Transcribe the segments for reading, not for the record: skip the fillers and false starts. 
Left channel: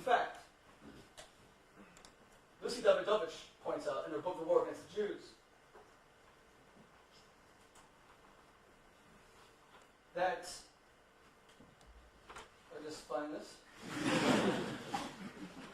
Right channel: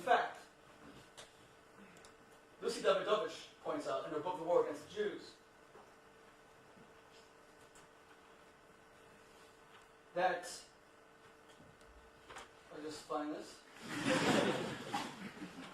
In fact, Lucy Davidovich points out in her book, The War Against the Jews, that, I'll just find this,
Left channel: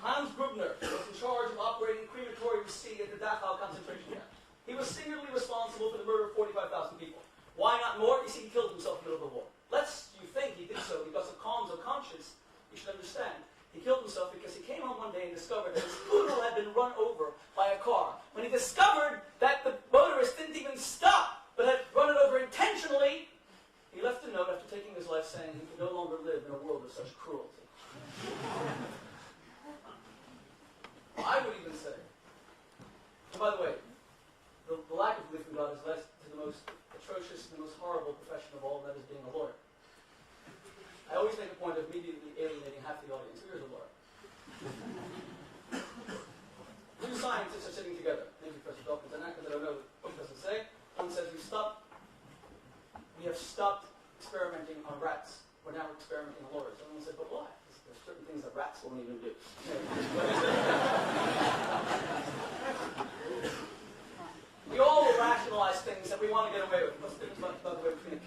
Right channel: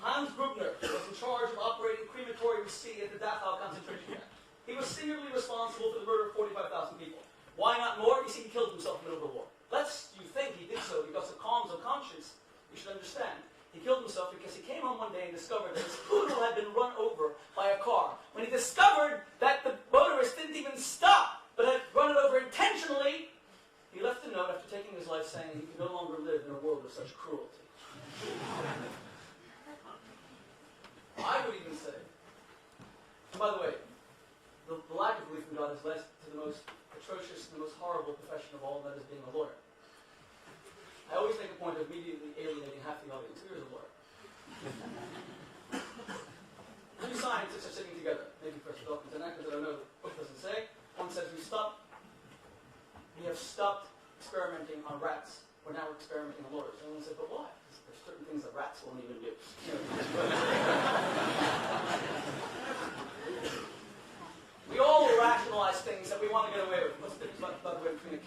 Hans Grubner was in charge of operating crematorium C at the Dachau concentration camp. He was singularly responsible for the murder of 45,000 people. Why not more? You see, he killed himself in the middle of the war. Lest you think he did so because of qualms of conscience, you should understand. He killed himself because he came home one day and discovered that his poodle had been run over by a car. When he discovered that the motorist didn't even stop, but had run it over intentionally, he left a note after taking his life saying he could no longer live in a world of such cruelty. I would even say, and by the way, the lack of belief in God has led to the most atrocious and the most horrible profession of all, and that is being a lawyer. I always make a point of immediately alienating half the audience. Who is a lawyer? Two scientists are sitting together. Maybe Professor Dawkins and that, because I don't know, the book doesn't say. One says we have stopped experimenting on rats. We're now experimenting on lawyers. And one said, but why? Because there's certain things that rats won't even do. We all rationalize things that we want to get away with. What's the difference, by the way, between a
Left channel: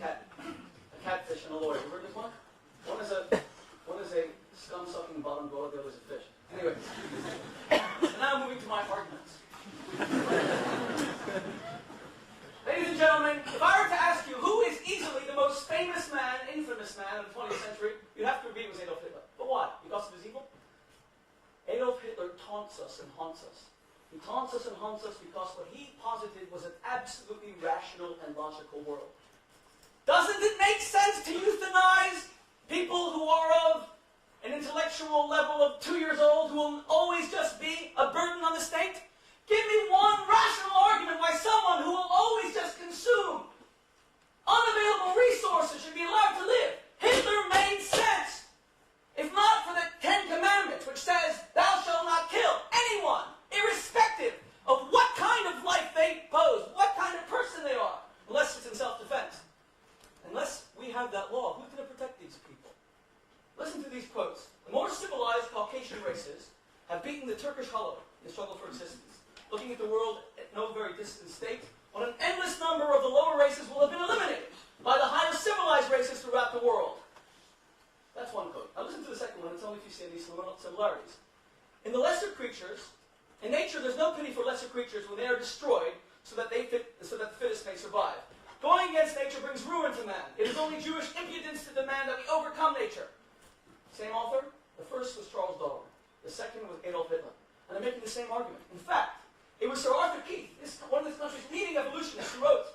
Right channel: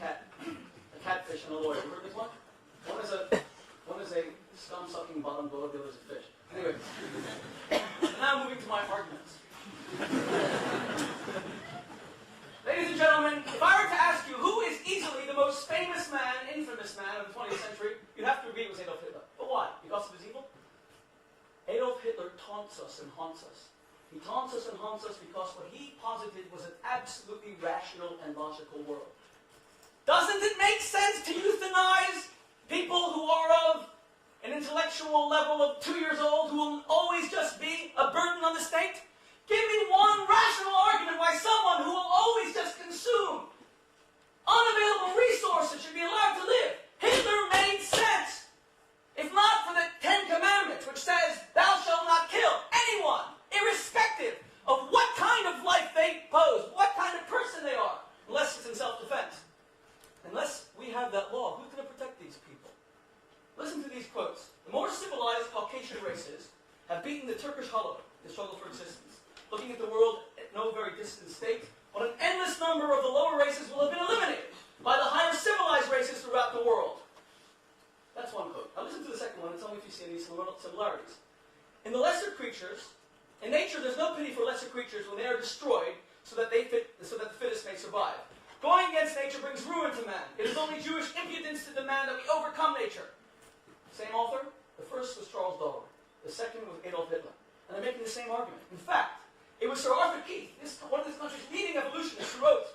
catfish and a lawyer? You heard this one? One is a scum-sucking bottom dweller, the other is a fish. Anyway, now moving to my arguments. Ladies and gentlemen, if I were to ask you who is easily the most famous man, infamous man of the 20th century, you'd have to agree it was Adolf Hitler. But why? Because of his evil? Adolf Hitler taunts us and haunts us. He taunts us and haunts us because what he posited was an absolutely rational and logical world. Doesn't it make sense to euthanize people who are of an intellectual level of 2 years old, who will always just be a burden on the state? Give me one rational argument why someone who will always just consume unavailable resources should be allowed to live. Hitler made sense. If not for the Ten Commandments, which says, thou shalt not kill anyone, irrespective of what kind of life they pose, what kind of person they are, unless it's in self-defense. Unless we have that law, who's going to protect these people? Listen to these quotes. The more civilized Caucasian races have beaten the Turkish hollow in the struggle for existence. Looking at the world at no very distant state, when an endless number of the lower races will have been eliminated by the higher civilized races throughout the world. That's one quote. Now listen to the second one and tell me if you see any similarities. In the lesser creatures, in nature there's no pity for lesser creatures when they are destroyed so that the fittest may survive. Going against nature brings ruin to man. It is only Jewish impudence to demand that we overcome nature. Same author. The first was Charles Darwin. The second was Adolf Hitler. And they're making the same argument. In fact, it was Sir Arthur Keith, one of this country's leading evolutionists, who wrote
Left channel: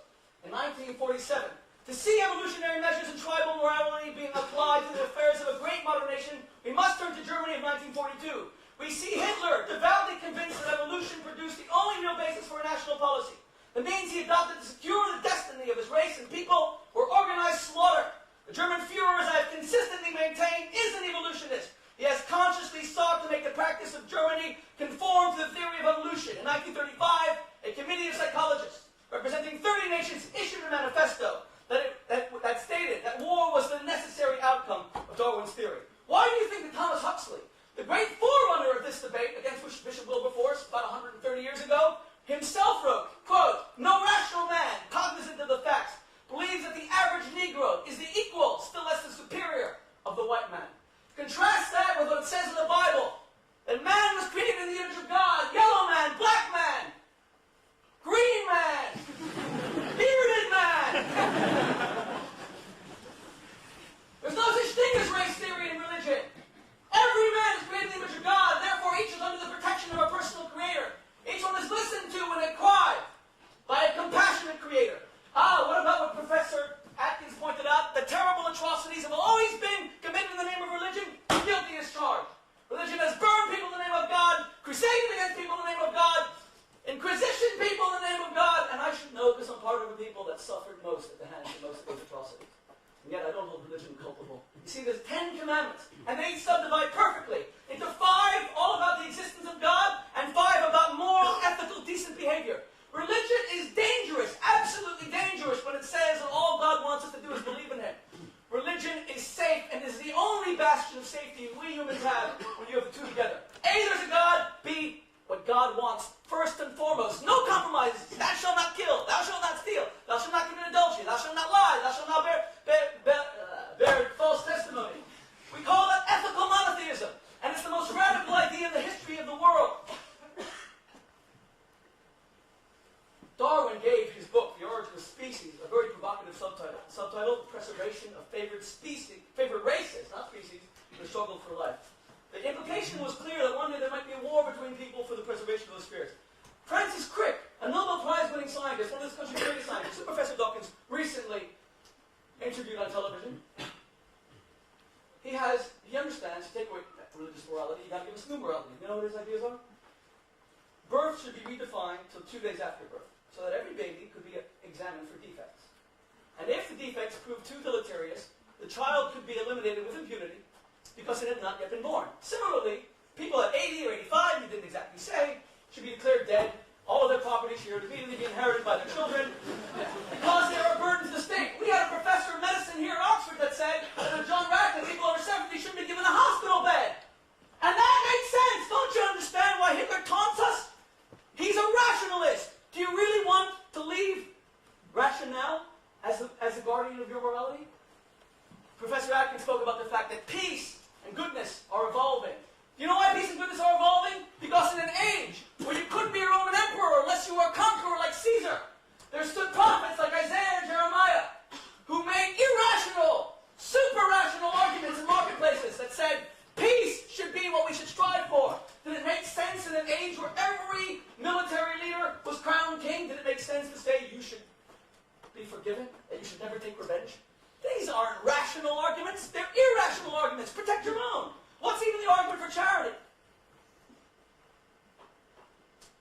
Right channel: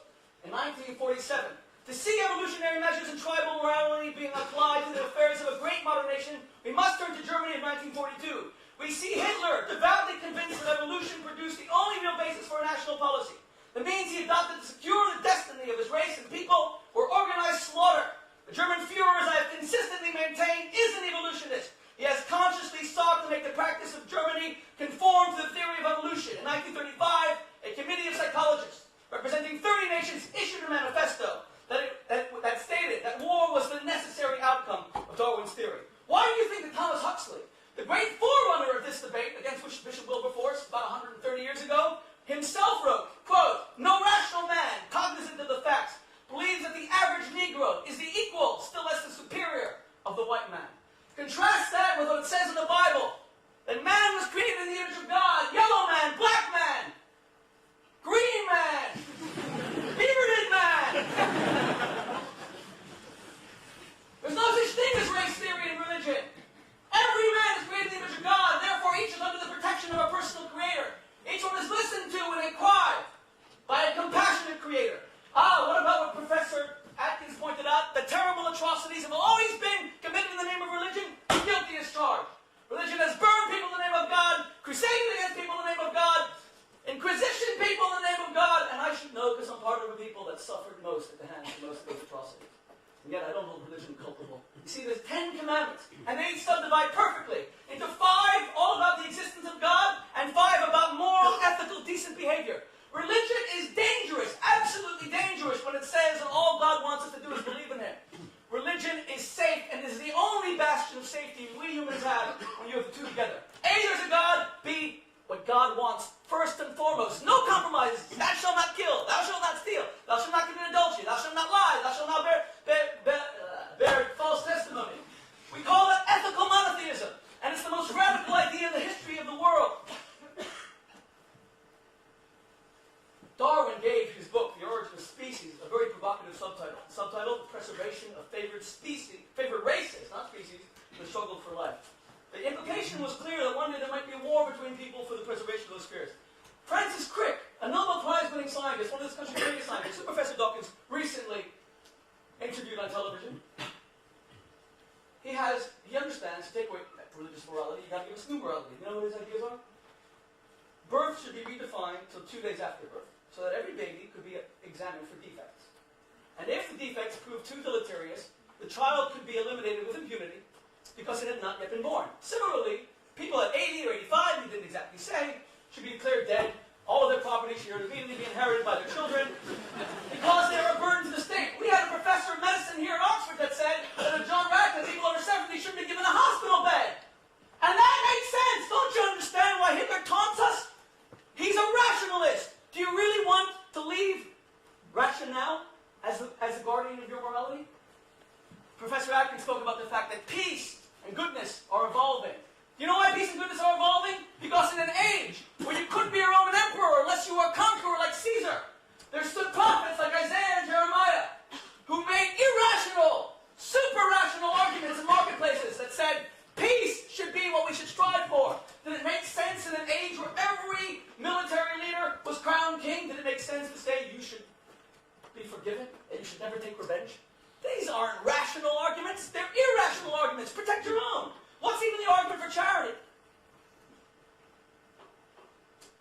in 1947, to see evolutionary measures in tribal morality being applied to the affairs of a great modern nation, we must turn to Germany of 1942. We see Hitler devoutly convinced that evolution produced the only real basis for a national policy. The means he adopted to secure the destiny of his race and people were organized slaughter. The German Führer, as I have consistently maintained, is an evolutionist. He has consciously sought to make the practice of Germany conform to the theory of evolution. In 1935, a committee of psychologists representing 30 nations issued a manifesto that stated that war was the necessary outcome of Darwin's theory. Why do you think that Thomas Huxley, the great forerunner of this debate against which Bishop Wilberforce about 130 years ago, himself wrote, quote, no rational man, cognizant of the facts, believes that the average Negro is the equal, still less the superior, of the white man. Contrast that with what it says in the Bible, that man was created in the image of God, yellow man, black man, green man, bearded man. There's no such thing as race theory in religion. Every man is created in the image of God, therefore each is under the protection of a personal creator. Each one is listened to when they cry by a compassionate creator. What about what Professor Atkins pointed out? The terrible atrocities have always been committed in the name of religion. Guilty as charged. Religion has burned people in the name of God, crusaded against people in the name of God, inquisitioned people in the name of God, and I should know because I'm part of the people that suffered most at the hands of most of those atrocities. And yet I don't hold religion culpable. You see, there's 10 commandments, and they subdivide perfectly into 5 all about the existence of God, and 5 about moral, ethical, decent behavior. Religion is dangerous, absolutely dangerous, when it says that all God wants us to do is believe in Him. Religion is safe, and is the only bastion of safety we humans have when you have the two together. preservation of favored races, not species, in the struggle for life. The implication was clear that one day there might be a war between people for the preservation of those spheres. Francis Crick, a Nobel Prize-winning scientist, one of this country's greatest scientists, who Professor Dawkins recently interviewed on television, he understands, to take away religious morality, you got to give us new morality. You know what his ideas are? Birth should be redefined till 2 days after birth, so that every baby could be examined for defects. And if the defects prove too deleterious, the child could be eliminated with impunity because it had not yet been born. Similarly, people at 80 or 85, you didn't exactly say, should be declared dead. All of their property should immediately be inherited by their children because they are a burden to the state. We had a professor of medicine here at Oxford that said that at John Radcliffe, people over 70 shouldn't be given a hospital bed. And that makes sense. Don't you understand why Hitler taunts us? He's a rationalist. Do you really want to leave rationale as the guardian of your morality? Professor Atkins spoke about the fact that peace and goodness are evolving. You know why peace and goodness are evolving? Because in an age where you couldn't be a Roman emperor unless you were a conqueror like Caesar, there stood prophets like Isaiah and Jeremiah who made irrational, super-rational arguments in marketplaces that said peace should be what we should strive for. Did it make sense in an age where every military leader was crowned king? Did it make sense to say you should be forgiven and you should never take revenge? These aren't rational arguments. They're irrational arguments. Protect your own. What's even the argument for charity?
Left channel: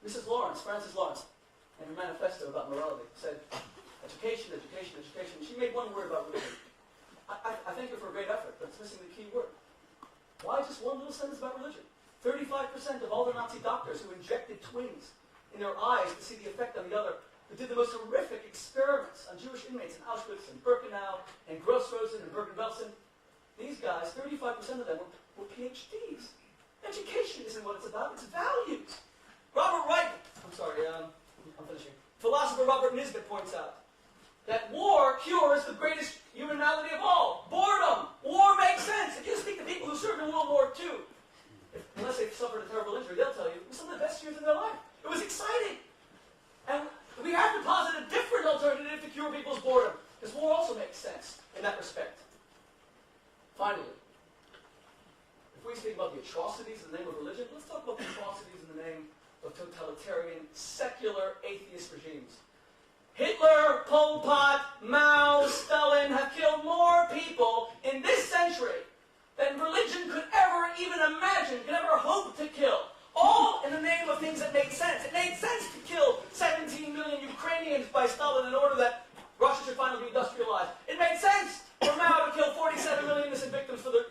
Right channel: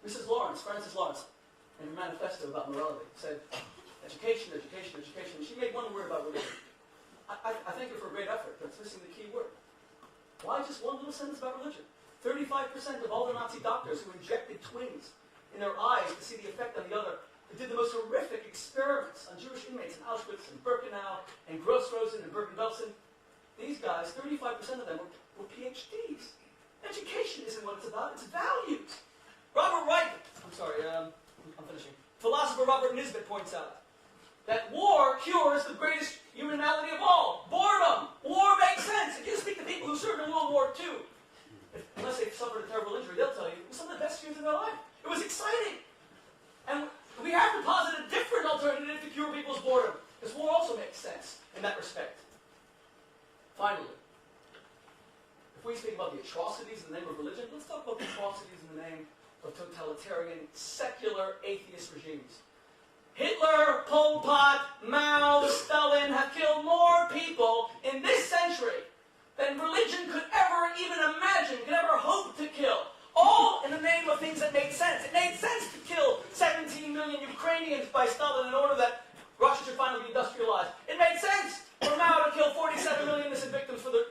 Mrs. Lawrence, Frances Lawrence, in her manifesto about morality, said, education, education, education. She made one word about religion. I thank her for a great effort, but it's missing the key word. Why just one little sentence about religion? 35% of all the Nazi doctors who injected twins in their eyes to see the effect on the other, who did the most horrific experiments on Jewish inmates in Auschwitz and Birkenau and Gross-Rosen and Bergen-Belsen, these guys, 35% of them were PhDs. Education isn't what it's about, it's values. Robert Wright, I'm finishing. Philosopher Robert Nisbet points out that war cures the greatest human malady of all, boredom. War makes sense. If you speak to people who served in World War II, unless they've suffered a terrible injury, they'll tell you it was some of the best years of their life. It was exciting. And we have to posit a different alternative to cure people's boredom, because war also makes sense in that respect. Finally, if we speak about the atrocities in the name of religion, let's talk about the atrocities in the name of totalitarian, secular, atheist regimes. Hitler, Pol Pot, Mao, Stalin have killed more people in this century than religion could ever even imagine, could ever hope to kill. All in the name of things that make sense. It made sense to kill 17 million Ukrainians by Stalin in order that Russia should finally be industrialized. It made sense for Mao to kill 47 million innocent victims for the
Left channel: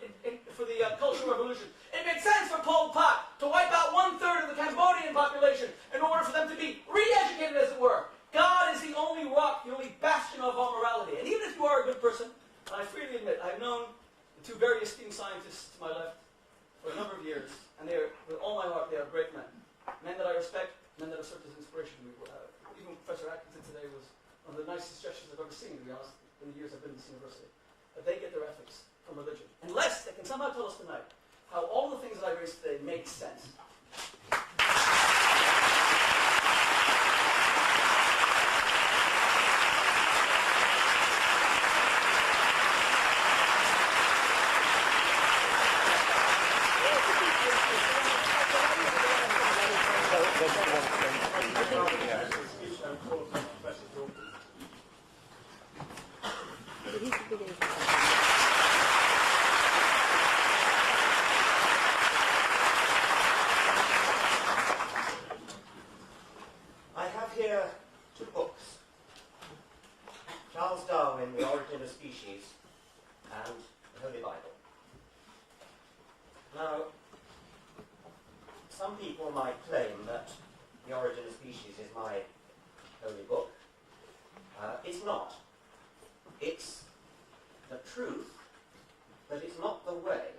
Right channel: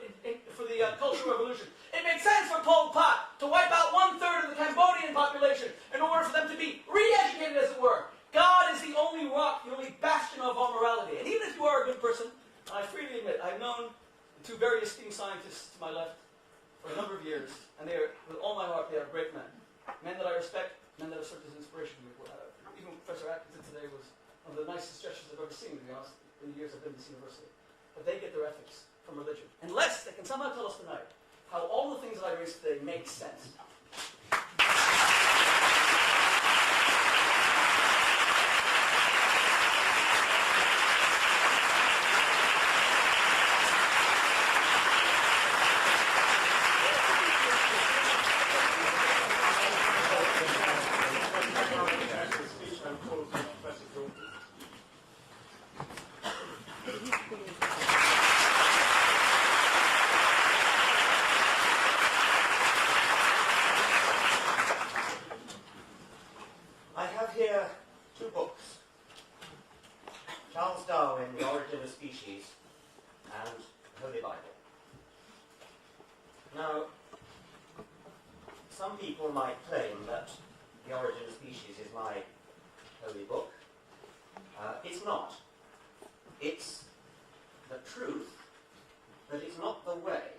Cultural Revolution. It made sense for Pol Pot to wipe out 1/3 of the Cambodian population in order for them to be re-educated, as it were. God is the only rock, the only bastion of our morality. And even if you are a good person, and I freely admit, I've known the two very esteemed scientists to my left for a number of years, and they are, with all my heart, they are great men. Men that I respect, men that have served as an inspiration to me. Even Professor Atkinson today was one of the nicest gestures I've ever seen, to be honest, in the years I've been in this university. But they get their ethics from religion. Unless they can somehow tell us tonight how all the things that I raised today make sense. Some people might claim that The Origin of Species is my holy book. It's not. It's the truth, but it's not the way.